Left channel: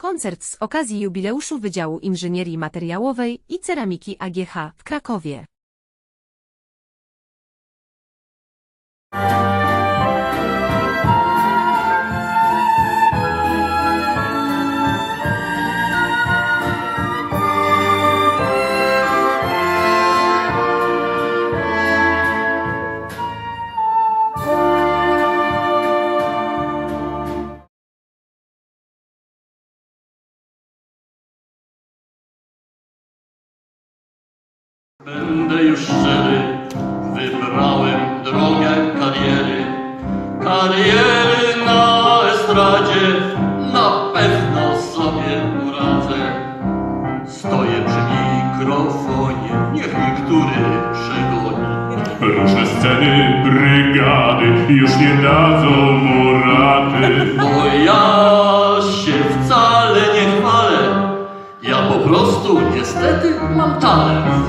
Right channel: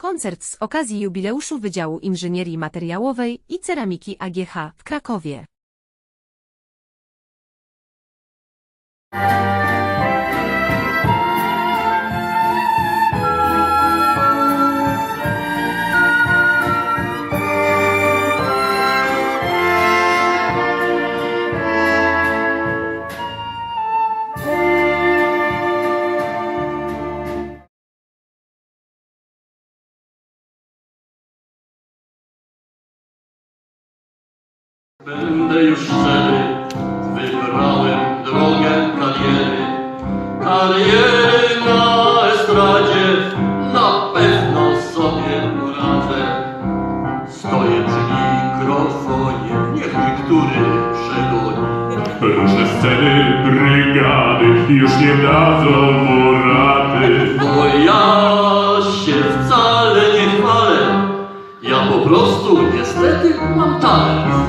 Koncert z okazji jubileuszu Wydziału Inżynierii Materiałowej i Ceramiki AGH w Krakowie. Będę już szczery, wybrałem drogę kariery. Kariery na estradzie, na pewno sobie poradzę. Stoję przy mikrofonie, niech mi który przegoni. Różne sceny, brygady już nie dadzą mu rady. Bo ja się wcale nie chwalę, ja po prostu niestety mam talent.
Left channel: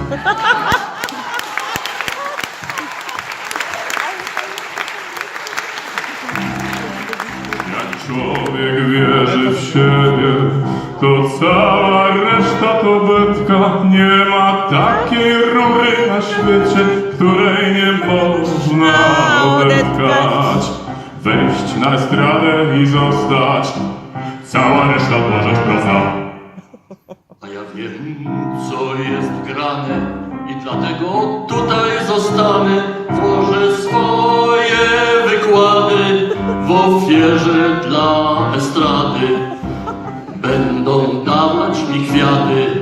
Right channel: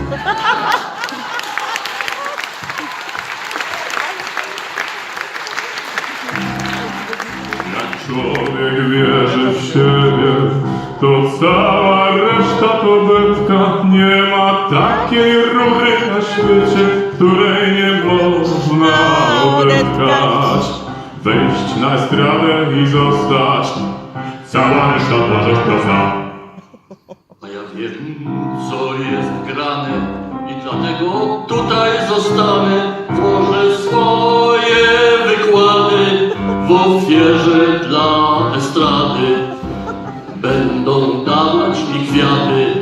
Człowiek wierzy w siebie, to cała reszta to betka. Nie ma takiej rory na świecie, której nie można odetkać. Wejść na estradę i zostać, cała reszta płacze profa. A ja wiem, co jest grane i dlatego tutaj zostanę. Włożę swoje viande